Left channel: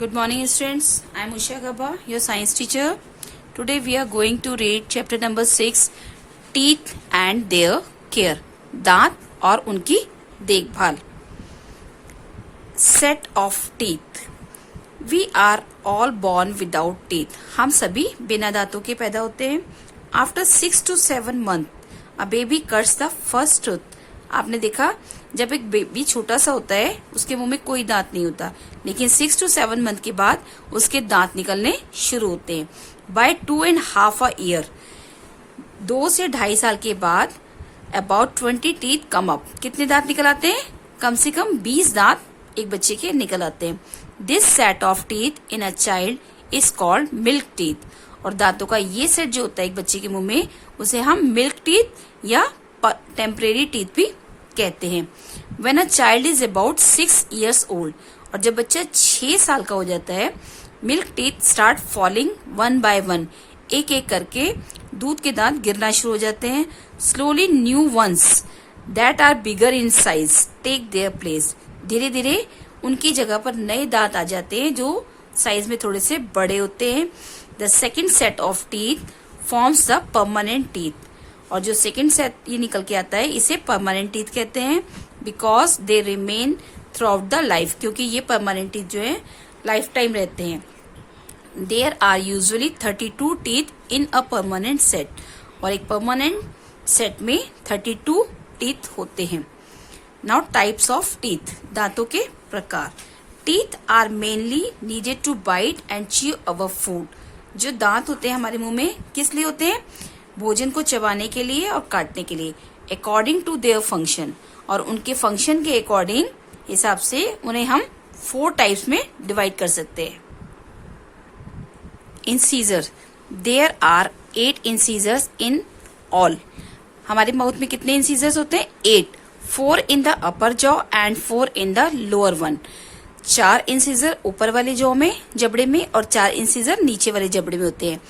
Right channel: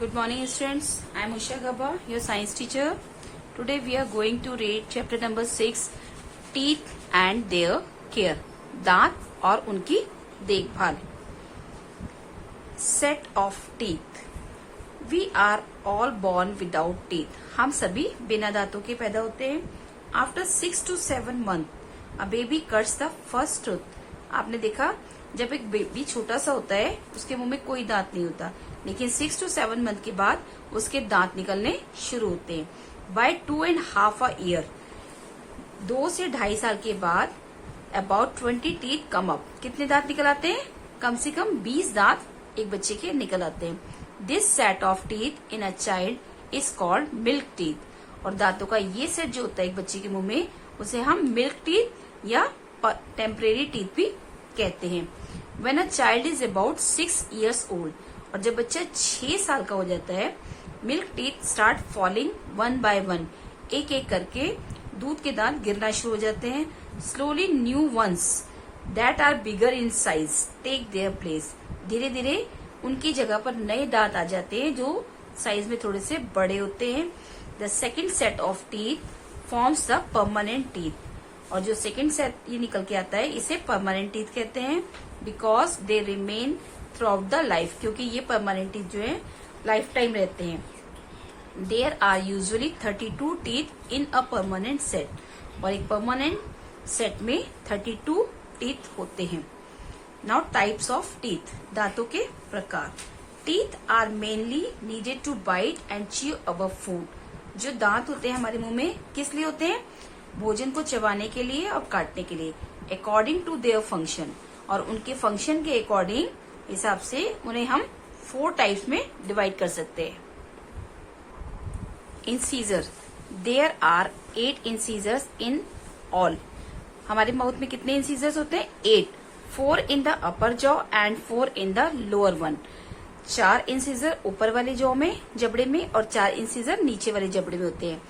Good morning, students. I am Usha Gaba, your science teacher. Today we are going to read chapter number 6, Teeth and their care. दांत और उनकी देखभाल. Set of teeth. We are all born without teeth. हम सभी बिना दांतों के पैदा होते हैं. After 6 to 7 months, a baby cuts the first tooth. आपने देखा जब एक बेबी छोटा सा होता है उसके मुंह में कोई दांत नहीं होता, लेकिन 6 to 7 मंथ के बाद उसके दांत निकलने शुरू होते हैं. बाय 2.5 years, 2 से 2.5 साल के बाद अबाउट 20 टीथ कम अप. कितने दांत निकल आते हैं? कम से कम 20 दांत एक बच्चे के निकल आते हैं. This set of teeth in a child is called milk teeth. और दांतों का ये सेट जो होता है एक बच्चे के मुंह में, उसे हम मिल्क टीथ या टेम्परेरी टीथ भी कहते हैं. When a child is about 6 years old, और जब बच्चा 6 साल का हो जाता है, milk teeth start falling 1 by 1. एक एक करके दूध के दांत गिरना शुरू हो जाते हैं. Slowly new ones that are bigger in size take their place. धीरे धीरे उनकी जगह पर नए दांत आ जाते हैं जो साइज में थोड़े से बड़े होते हैं. The second set of teeth forms the permanent teeth. और जो सेकेंड सेट ये निकल के आता है इसे परमानेंट टीथ कहते हैं. Because they remain through out the life. क्योंकि ये परमानेंट टीथ जो है लाइफ टाइम रहते हैं. There are usually 32 teeth in a permanent set. और एक परमानेंट सेट में 32 टीथ होते हैं. Now types of teeth. दांतों के प्रकार. Teeth are mainly needed to bite and chew our food. जो दांत होते हैं हमारे मुंह में किस लिए होते हैं? भोजन को चबाने के लिए और काटने के लिए. According to their function. और उनके फंक्शन के अकॉर्डिंग हिसाब से उन्हें हम 4 टाइप्स में डिवाइड कर सकते हैं. Incisor. There are 8 incisors in all. हमारे माउथ में कितने इंसीजर्स होते हैं? 8. 4 in the upper jaw and 4 in the lower one. 4 incisor ऊपर वाले जॉ में जबड़े में और 4 इंसीजर नीचे वाले जबड़े में होते हैं.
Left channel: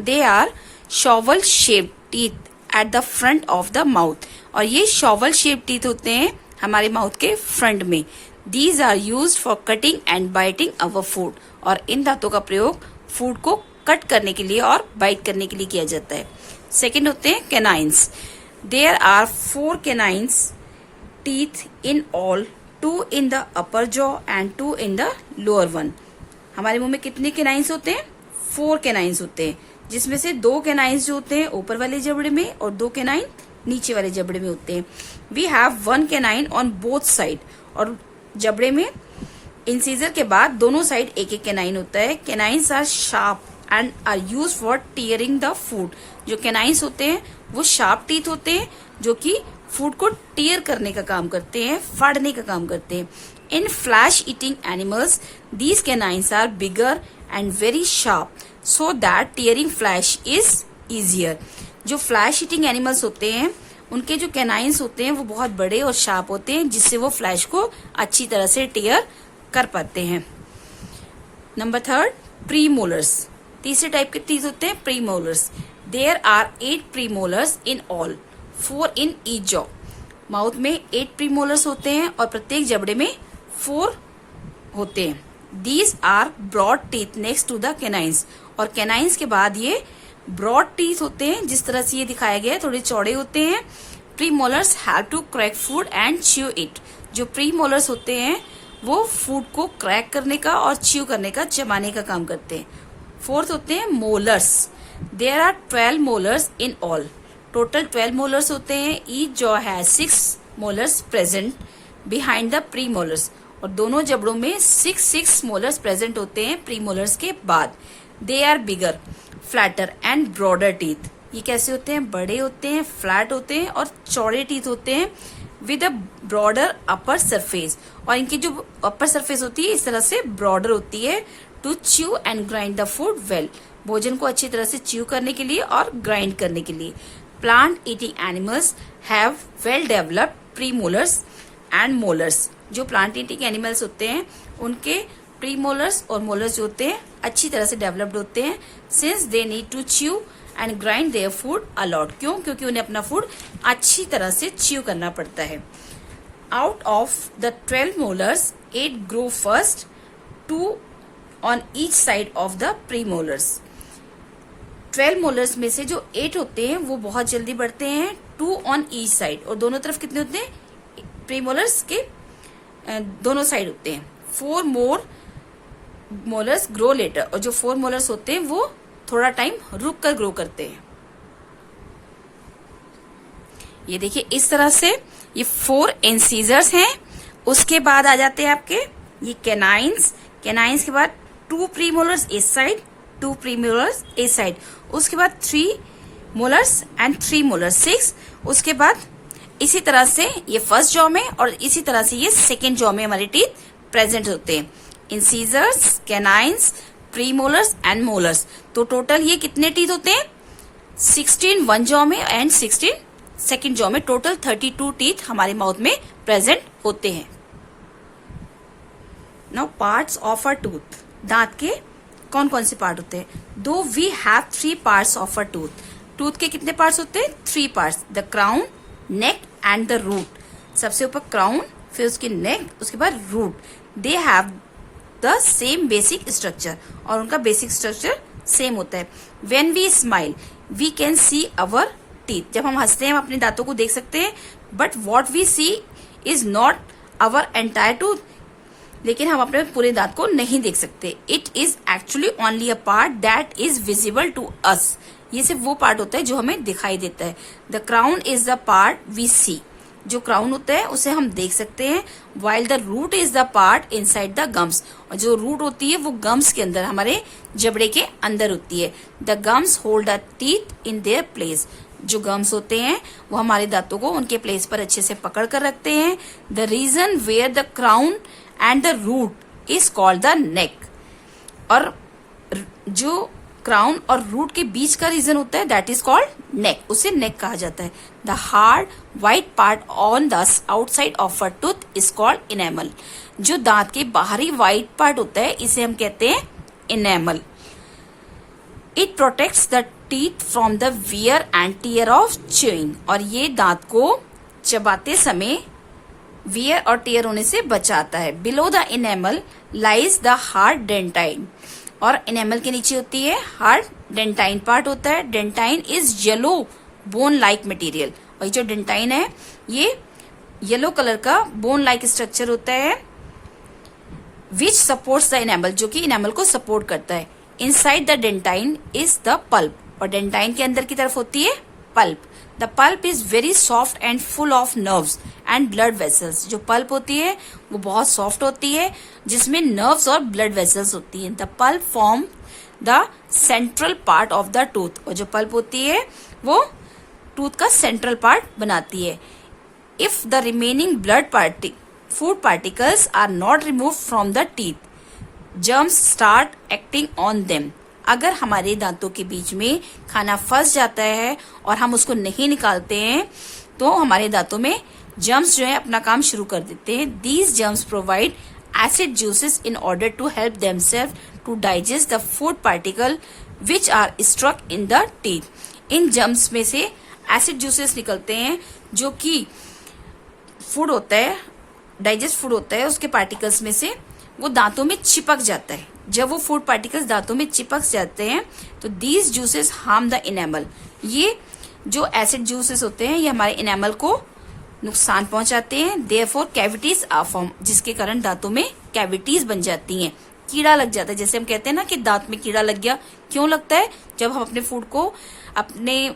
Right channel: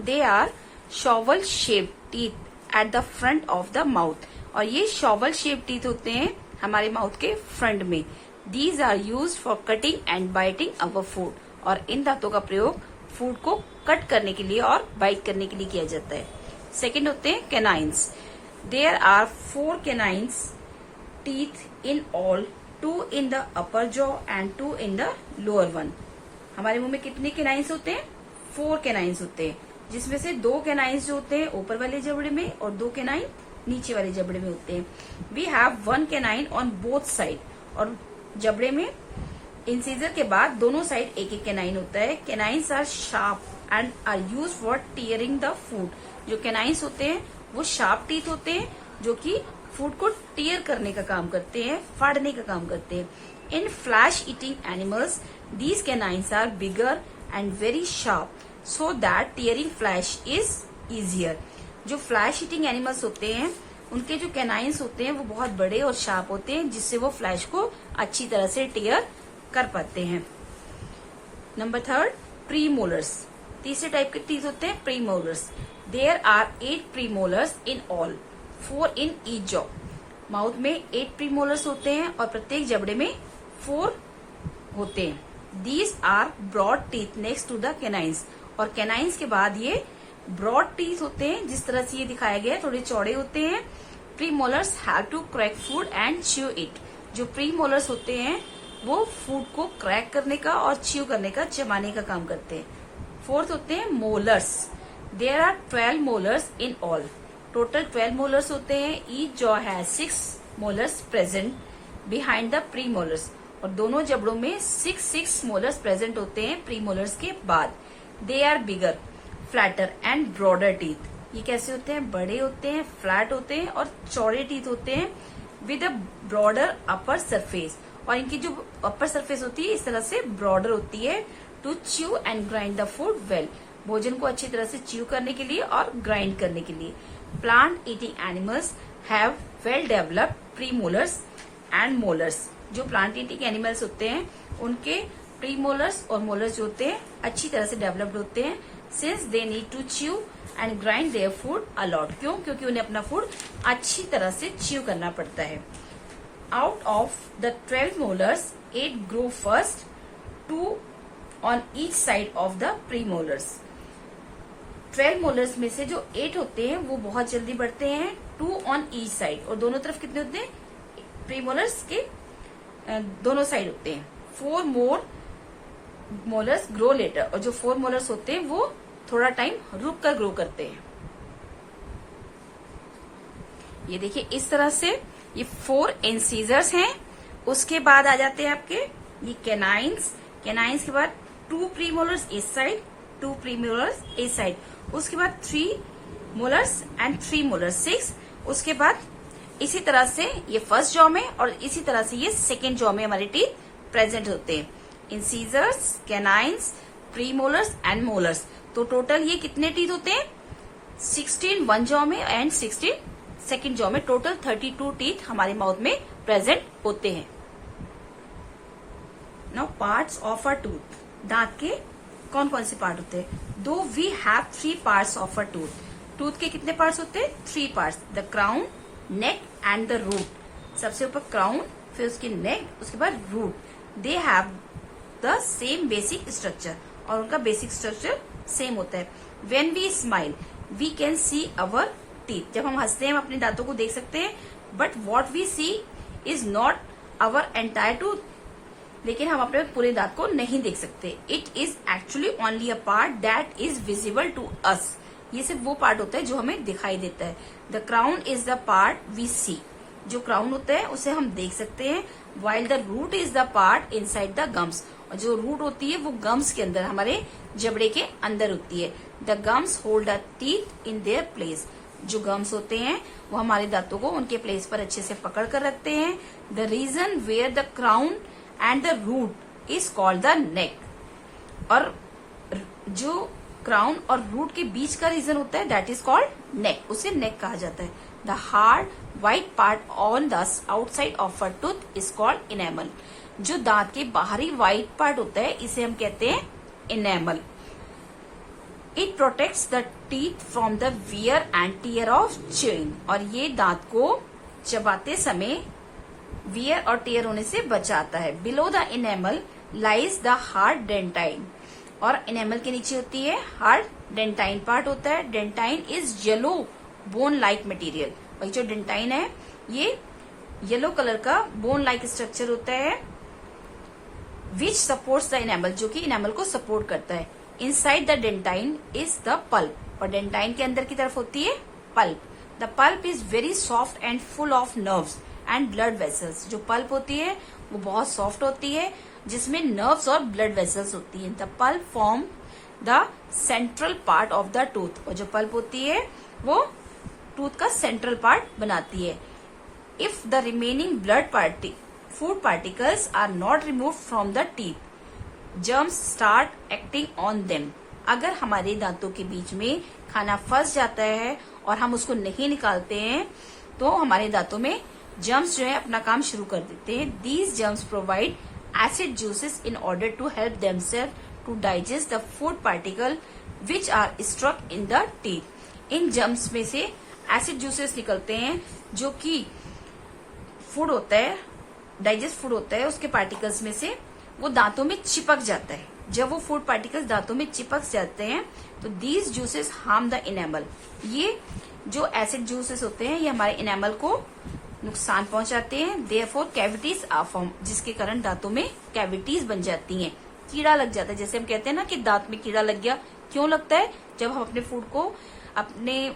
They are shovel shaped teeth at the front of the mouth. और ये शॉवल शेप्ड टीथ होते हैं हमारे माउथ के फ्रंट में. These are used for cutting and biting our food. और इन दांतों का प्रयोग फूड को कट करने के लिए और बाइट करने के लिए किया जाता है. सेकेंड होते हैं canines. There are 4 canines teeth in all. 2 in the upper jaw and 2 in the lower one. हमारे मुंह में कितने कैनाइन्स होते हैं? 4 कैनाइन्स होते हैं, जिसमें से 2 कैनाइन्स जो होते हैं ऊपर वाले जबड़े में और 2 कैनाइन नीचे वाले जबड़े में होते हैं. We have 1 canine on both side. और जबड़े में इंसीजर के बाद दोनों साइड एक एक कैनाइन होता है. Canines are sharp and are use for tearing the food. जो कैनाइन्स होते हैं वो शार्प टीथ होते हैं जो कि फूड को टीयर करने का काम करते हैं, फाड़ने का काम करते हैं. In flesh eating animals these canines are bigger and very sharp so that tearing flesh is easier. जो फ्लैश ईटिंग एनिमल्स होते हैं उनके जो कैनाइन्स होते हैं वो बहुत बड़े और शार्प होते हैं, जिससे वो फ्लैश को अच्छी तरह से टीयर कर पाते हैं. Number 3, premolars. तीसरे टाइप के टीथ होते हैं premolars. There are 8 premolars in all, 4 in each jaw. Mouth में 8 प्रीमोलर्स होते हैं और प्रत्येक जबड़े में 4 होते हैं. These are broad teeth next to the canines. और कैनाइन्स के बाद ये ब्रॉड टीथ होते हैं, जिस तरह से ये दिखाया गया है, थोड़े चौड़े होते हैं. Premolars have to crack food and chew it. जो प्रीमोलर्स होते हैं वो फूड को क्रैक करने का और च्यू करने का, चबाने का काम करते हैं. 4th होते हैं molars. There are 12 molars in all. Total 12 molars होते हैं. Each jaw has 6 molars present behind the premolars. और दोनों जबड़ों में 6 मोलर्स प्रेजेंट होते हैं प्रीमोलर्स के बाद. They are bigger, flatter and broader teeth. ये कैसे होते हैं? बड़े होते हैं, फ्लैट होते हैं और चौड़े टीथ होते हैं with a broader upper surface. और इनकी जो अपर सरफेस होती है इस तरह से ब्रॉडर होती है to chew and grind the food well. भोजन को अच्छी तरह से च्यू करने के लिए और ग्राइंड करने के लिए. Plant eating animals have well developed premolars and molars. जो प्लांट ईटिंग एनिमल्स होते हैं उनके प्रीमोलर्स और मोलर्स जो होते हैं अच्छी तरह से डेवलप्ड होते हैं, since they need to chew and grind their food a lot. क्यों? क्योंकि उन्हें अपना फूड अच्छी तरह से च्यू करना पड़ता है. Out of the 12 molars, 8 grow first 2 on each side of the premolars. 12 molars में से जो 8 होते हैं वो बहुत जल्दी बढ़ते हैं, 2 on each side, और दोनों तरफ कितने होते हैं? प्रीमोलर्स के दोनों साइड होते हैं. 4 मोर मोलर्स ग्रो लेटर, और जो 4 मोलर्स होते हैं वो थोड़ा टाइम रुक कर ग्रो करते हैं. ये देखिए इस तरह से ये 4 इंसीजर्स हैं. उसके बाद आ जाते हैं आपके ये कैनाइन्स. कैनाइन्स के बाद 2 प्रीमोलर्स इस साइड, 2 प्रीमोलर्स इस साइड. उसके बाद 3 मोलर्स एंड 3 मोलर्स 6. उसके बाद इसी तरह से ये फर्स्ट जॉ में और इसी तरह से ये सेकेंड जॉ में हमारे टीथ प्रेजेंट होते हैं. Incisors, canines, premolars and molars. तो टोटल ये कितने टीथ होते हैं? 16 वन जॉ में एंड 16 सेकेंड जॉ में. टोटल 32 टीथ हमारे माउथ में प्रेजेंट होते हैं. Now parts of a tooth. दांत के कौन कौन से पार्ट होते हैं? दो we have 3 parts of a tooth. Tooth के कितने पार्ट्स होते हैं? 3 parts. The crown, neck and the root. सबसे ऊपर क्राउन, फिर उसकी नेक, उसके बाद root. They have the same basic structure, और उनका बेसिक स्ट्रक्चर सेम होता है. When we smile we can see our teeth. जब हम हंसते हैं हम अपने दांतों को देख सकते हैं, but what we see is not our entire tooth. लेकिन हम अपने पूरे दांत को नहीं देख सकते. It is actually only a part that is visible to us. ये सिर्फ वो पार्ट होता है जो हमें दिखाई देता है. The crown is the part we see. जो क्राउन होता है उसे हम देख सकते हैं. While the root is the part inside the gums. और जो रूट होती है वो गम्स के अंदर, हमारे जबड़े के अंदर होती है. The gums hold the teeth in their place. जो गम्स होते हैं वो हमारे दांतों को उनके प्लेस पर अच्छे से पकड़ कर रखते हैं. The reason where the crown and the root is called the neck. और जो क्राउन और रूट के बीच का रीजन होता है दैट इज कॉल्ड नेक. उसे नेक कहा जाता है. The hard white part on the outside of a tooth is called enamel. जो दांत के बाहरी व्हाइट पार्ट होता है इसे हम कहते हैं enamel. It protects the teeth from the wear and tear of chewing. और ये दांत को चबाते समय वियर और टीयर होने से बचाता है. Below the enamel lies the hard dentine. और इनेमल के नीचे होती है हार्ड डेंटाइन पार्ट होता है. Dentine is yellow bone like material. और जो डेंटाइन है ये येलो कलर का बोन लाइक स्ट्रक्चर होता है विच सपोर्ट्स द इनेमल, जो कि इनेमल को सपोर्ट करता है. Inside the dentine is the pulp. और डेंटाइन के अंदर की तरफ होती है pulp. The pulp is very soft and full of nerves and blood vessels. जो पल्प होती है वो बहुत सॉफ्ट होती है जिसमें नर्व्स और ब्लड वेसल्स होती हैं. The pulp form the central part of the tooth. और जो पल्प होती है वो टूथ का सेंट्रल पार्ट बनाती है. If the remaining food particles are not remove from the teeth, germs start acting on them. अगर हमारे दांतों के बीच में खाना फंस जाता है और हम उसको नहीं निकालते हैं तो हमारे दांतों में जर्म्स जो है अपना काम शुरू कर देते हैं. These germs provide acid juices in order to help themselves to digest the food particle which are struck in the teeth. इन जर्म्स में से एसिड जूसेस निकलते हैं जो कि फूड होता है, डाइजेस्ट फूड होता है, उसके पार्टिकल्स में से वो दांतों में चिपक जाता है. जब वो फूड पार्टिकल्स दांतों में चिपक जाते हैं तो these juices harm the enamel. ये जो एसिड जूसेस होते हैं ये हमारे इनेमल को नुकसान पहुंचाते हैं. देयरफॉर कैविटीज आर फॉर्म, जिसके कारण दांतों में कैविटीज बन जाती हैं. कीड़ा लग जाता है. जैसे हम कहते हैं ना कि दांत में कीड़ा लग गया. क्यों लगता है? जब हम अपने फूड को, अपने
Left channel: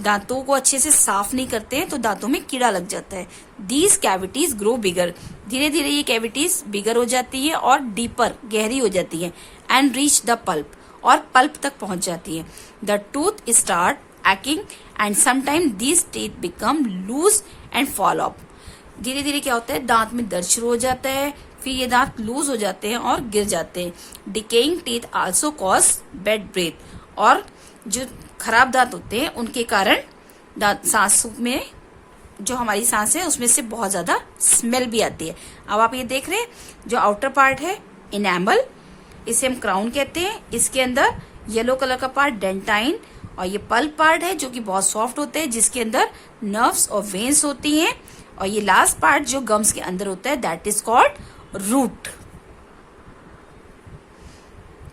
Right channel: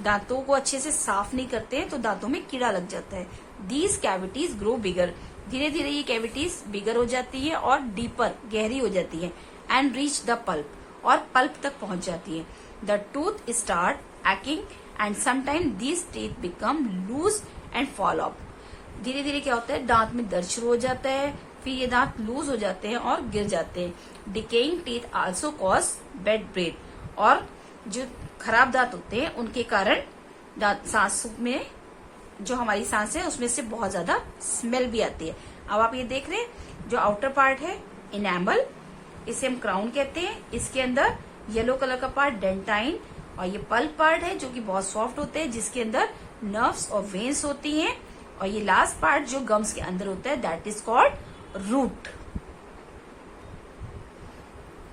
दांतों को अच्छे से साफ नहीं करते हैं तो दांतों में कीड़ा लग जाता है. दीज कैविटीज ग्रो बिगर. धीरे धीरे ये कैविटीज बिगर हो जाती है और डीपर, गहरी हो जाती है. एंड रीच द पल्प, और पल्प तक पहुंच जाती है. The tooth start acting and sometime these teeth become loose and fall off. धीरे धीरे क्या होता है, दांत में दर्द शुरू हो जाता है, फिर ये दांत लूज हो जाते हैं और गिर जाते हैं. Decaying teeth also cause bad breath. और जो खराब दांत होते हैं उनके कारण दांत, सांस में जो हमारी सांस है उसमें से बहुत ज्यादा स्मेल भी आती है. अब आप ये देख रहे हैं जो आउटर पार्ट है इनेमल, इसे हम क्राउन कहते हैं. इसके अंदर येलो कलर का पार्ट डेंटाइन, और ये पल्प पार्ट है जो कि बहुत सॉफ्ट होते हैं जिसके अंदर नर्व्स और वेन्स होती हैं. और ये लास्ट पार्ट जो गम्स के अंदर होता है that is called root.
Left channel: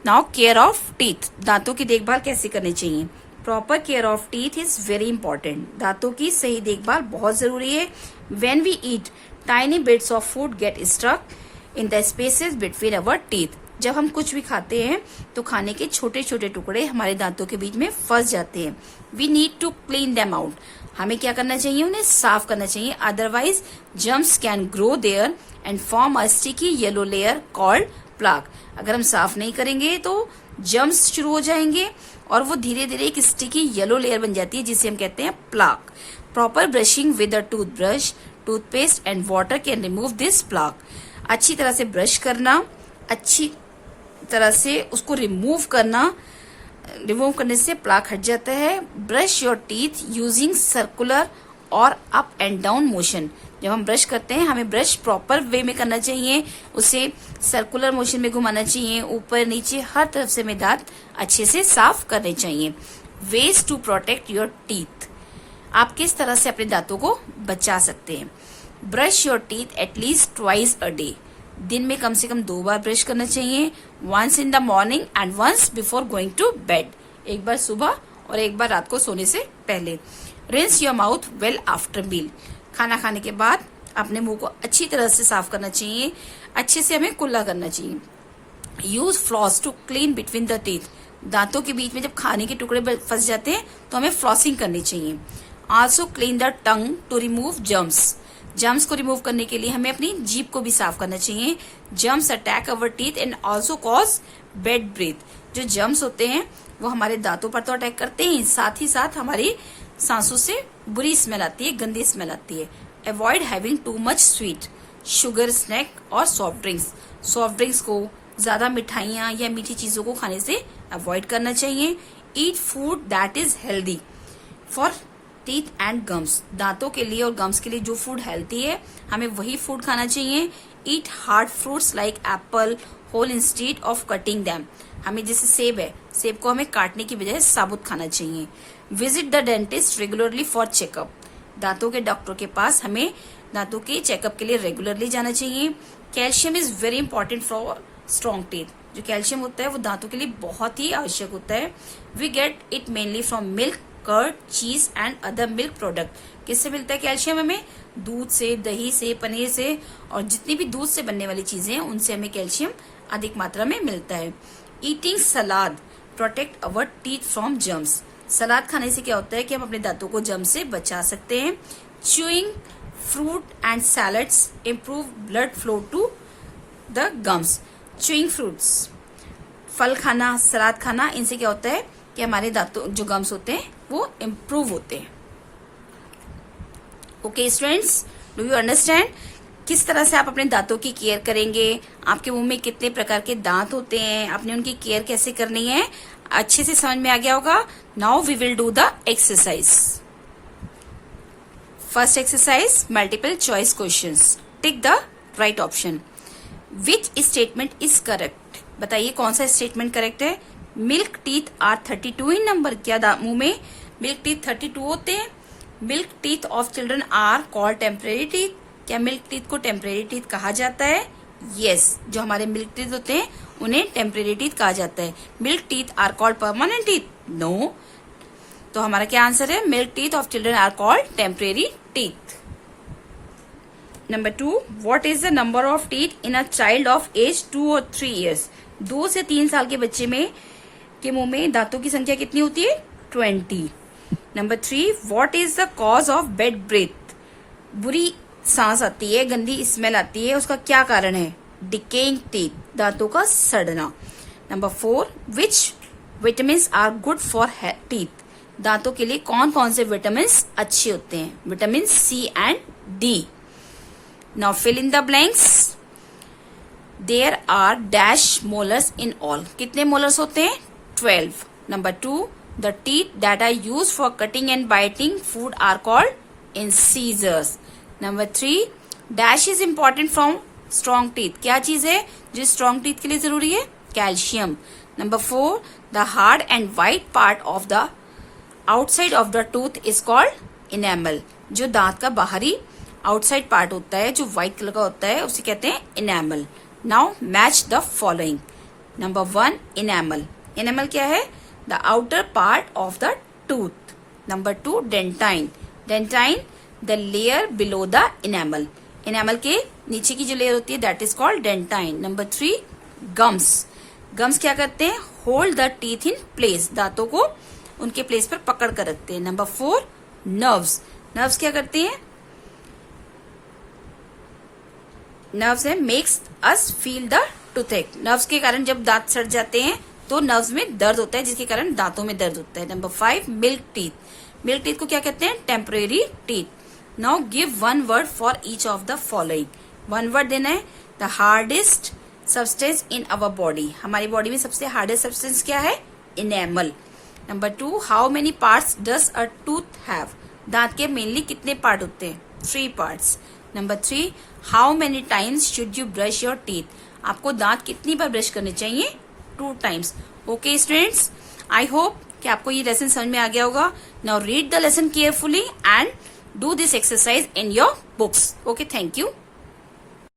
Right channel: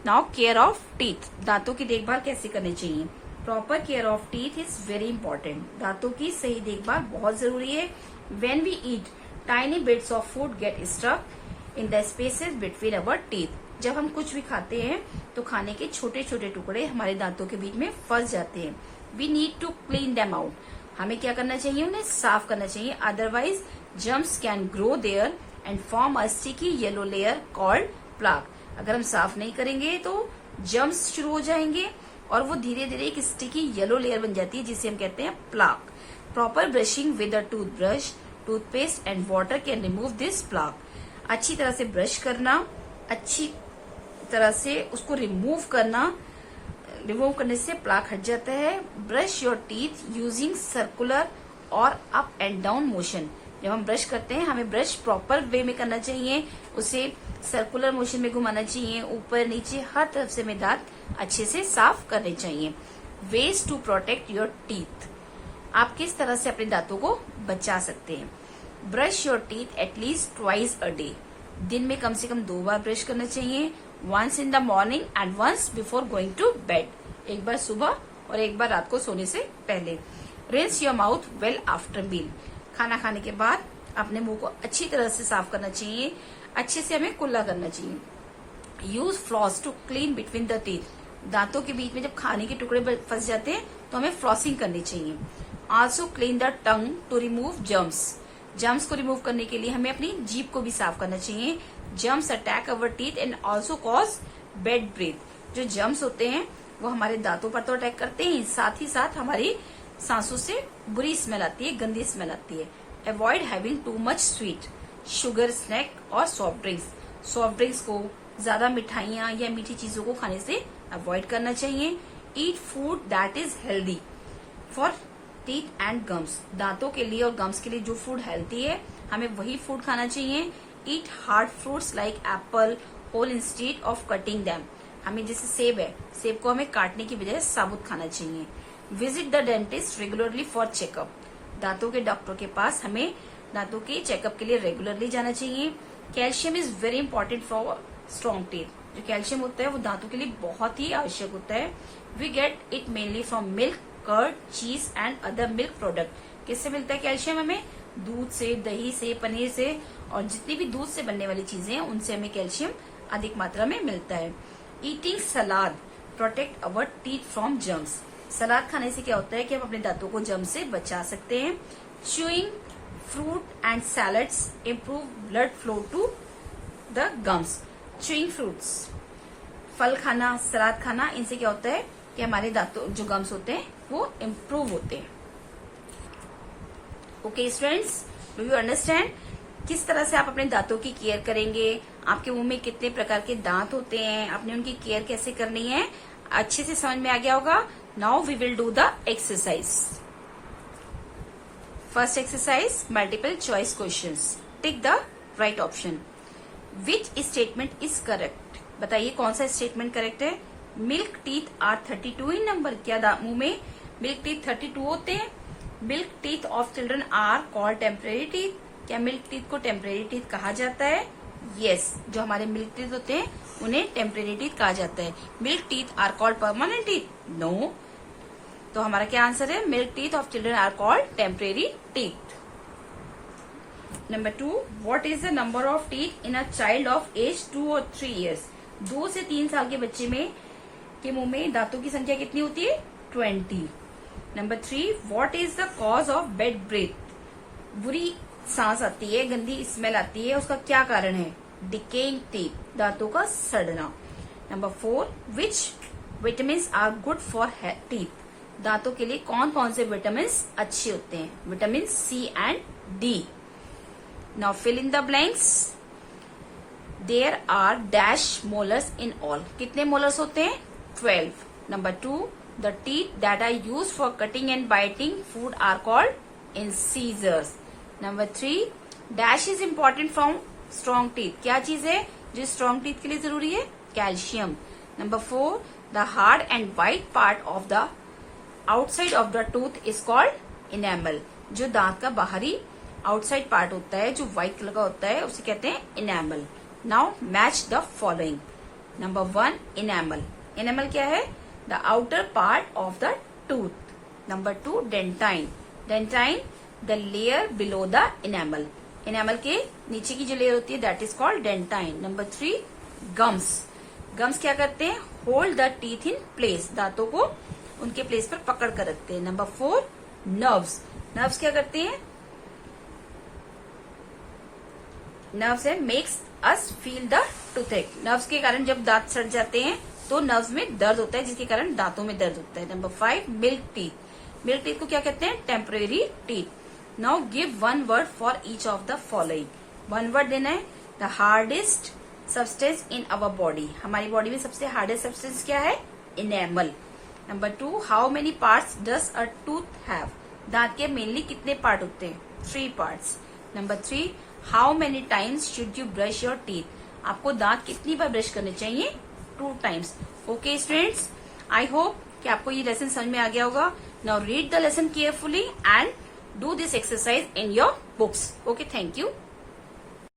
Now care of teeth, दांतों की देखभाल कैसे करनी चाहिए। Proper care of teeth is very important, दांतों की सही देखभाल बहुत जरूरी है। When we eat tiny bits of food get stuck in the spaces between our teeth, जब हम कुछ भी खाते हैं तो खाने के छोटे छोटे टुकड़े हमारे दांतों के बीच में फंस जाते हैं। We need to clean them out, हमें क्या करना चाहिए, उन्हें साफ करना चाहिए। Otherwise germs can grow there and form a sticky yellow layer called plaque. अगर हम साफ नहीं करेंगे तो जर्म्स शुरू हो जाएंगे और वो धीरे धीरे एक स्टिकी येलो लेयर बन जाती है जिसे हम कहते हैं plaque. Proper brushing with a toothbrush, toothpaste and water can remove this plaque. अच्छी तरह से ब्रश करना, अच्छी तरह से उसको रिमूव करने से प्लाक हट जाता है। Brush your teeth using circular और अप एंड डाउन मोशन, जब हम ब्रश करते हैं हमें ब्रश प्रॉपर वे में करना चाहिए, उसे सर्कुलर मोशन में घुमाना चाहिए, ऊपर नीचे हर तरफ से हमें दांत अच्छे से साफ करने चाहिए। Ways to protect your teeth, आप किस तरह से अपने दांतों को बचा सकते हैं। Brush your teeth at least twice a day, दिन में कम से कम 2 बार ब्रश करना चाहिए। Once in the morning and once before going to bed, एक बार सुबह और एक बार रात को सोने से पहले। Rinse your mouth well after meal, खाना खाने के बाद अपने मुंह को अच्छी तरह से साफ करना चाहिए, अच्छे से हमें कुल्ला करना चाहिए। Use floss to clean between the teeth, दांतों के बीच में जब खाने के टुकड़े फंस जाते हैं तो हमें फ्लॉसिंग करनी चाहिए। Also clean the tongue to remove germs, germs को रिमूव करने के लिए हमें अपनी जीभ को भी साफ करना चाहिए। Germs attack our teeth and also cause bad breath, जो जर्म्स होते हैं वो हमारे दांतों पर तो अटैक करते हैं, साथ ही साथ हमारी सांसों से बुरी स्मेल आती है, गंदी स्मेल आती है। Avoid having too much sweet, sugar, snack और सॉफ्ट ड्रिंक्स, सॉफ्ट ड्रिंक्स को, ज्यादा मिठाइयाँ या मीठी चीजों को खाने से अवॉइड करना चाहिए। Eat food that is healthy for teeth and gums, दांतों के लिए और गम्स के लिए जो फूड हेल्थी है हमें वही फूड खाना चाहिए। Eat hard fruits like apple whole instead of cutting them, हमें जैसे सेब है, सेब को हमें काटने की बजाय साबुत खाना चाहिए। Visit the dentist regularly for checkup, दांतों के डॉक्टर के पास हमें दांतों के चेकअप के लिए रेगुलरली जाना चाहिए। Calcium is very important for strong teeth, जो कैल्शियम होता है वो दांतों के लिए बहुत ही आवश्यक होता है। We get it mainly from milk, curd, cheese and other milk product. किससे मिलता है कैल्शियम हमें? दूध से, दही से, पनीर से और जितनी भी दूध से बनने वाली चीजें हैं उनसे हमें कैल्शियम अधिक मात्रा में मिलता है। Eating salad protect our teeth from germs, salad खाने से क्या होता है कि हम अपने दांतों को जर्म से बचा सकते हैं। Chewing fruit and salads improve blood flow to the gums, chewing fruits, फल खाना, सलाद खाना, इनसे क्या होता है कि हमारे दांतों जो गम्स होते हैं वो इम्प्रूव होते हैं। Okay students, do you understand किस तरह से आप अपने दांतों की केयर करेंगे, आपके मुंह में कितने प्रकार के दांत होते हैं, आपने उनकी केयर कैसे करनी है, अच्छे से समझ में आ गया होगा। Now we will do the exercise. First exercise, multiple choice questions, tick the right option. Which statement is correct, बताइए कौन सा स्टेटमेंट करेक्ट है। Milk teeth are 32 in number, क्या मुंह में मिल्क टीथ 32 होते हैं। Milk teeth of children are called temporary teeth, क्या मिल्क टीथ को टेम्परेरी टीथ कहा जाता है? यस, जो हमारे मिल्क टीथ होते हैं उन्हें टेम्परेरी टीथ कहा जाता है। Milk teeth are called permanent teeth, no. तो हमारा क्या आंसर है? Milk teeth of children are called temporary teeth. Number 2, what is the number of teeth in a child of age 2 और 3 ईयर्स, 2 से 3 साल के बच्चे में के मुंह में दांतों की संख्या कितनी होती है? 20। Number 3, what is the cause of bad breath, बुरी सांस आती है, गंदी स्मेल आती है, उसका क्या कारण है? डिकेइंग टीथ, दांतों का सड़ना। Number 4, which vitamin are good for teeth, दांतों के लिए कौन कौन से विटामिन अच्छे होते हैं? Vitamin C and D. Now fill in the blanks. There are dash molars in all, कितने मोलर्स होते हैं? 12. Number 2, the teeth that are used for cutting and biting food are called incisors. Number 3, dash is important from strong teeth, क्या चीज है जो strong teeth के लिए जरूरी है? Calcium. Number 4, the hard and white part of the outside of the tooth is called enamel, जो दांत का बाहरी outside part होता है जो white कलर का होता है उसे कहते हैं enamel. Now match the following. Number 1 enamel. Enamel क्या है? The outer part of the tooth. Number 2 dentine. Dentine the layer below the enamel. Enamel के नीचे की जो लेयर होती है that is called dentine. Number 3 gums. Gums क्या करते हैं? Hold the teeth in place. दांतों को उनके प्लेस पर पकड़ कर रखते हैं. Number 4 nerves. नर्व्स क्या करती हैं? नर्व्स है makes us feel the toothache. Nerves के कारण जब दांत सड़ जाते हैं तो नर्व्स में दर्द होता है, जिसके कारण दांतों में दर्द होता है. Number 5 milk teeth. Milk teeth को क्या कहते हैं? Temporary teeth. Now give one word for each of the following. One word देना है. The hardest substance in our body. हमारी बॉडी में सबसे हार्डेस्ट सब्सटेंस क्या है? Enamel. Number 2 how many parts does a tooth have. दांत के mainly कितने पार्ट होते हैं? 3 parts. Number 3 how many times should you brush your teeth. आपको दांत कितनी बार ब्रश करने चाहिए? 2 times. Okay students, I hope कि आपको ये लेसन समझ में आ गया होगा. Now read the lesson carefully and do this exercise in your books. Okay, thank you.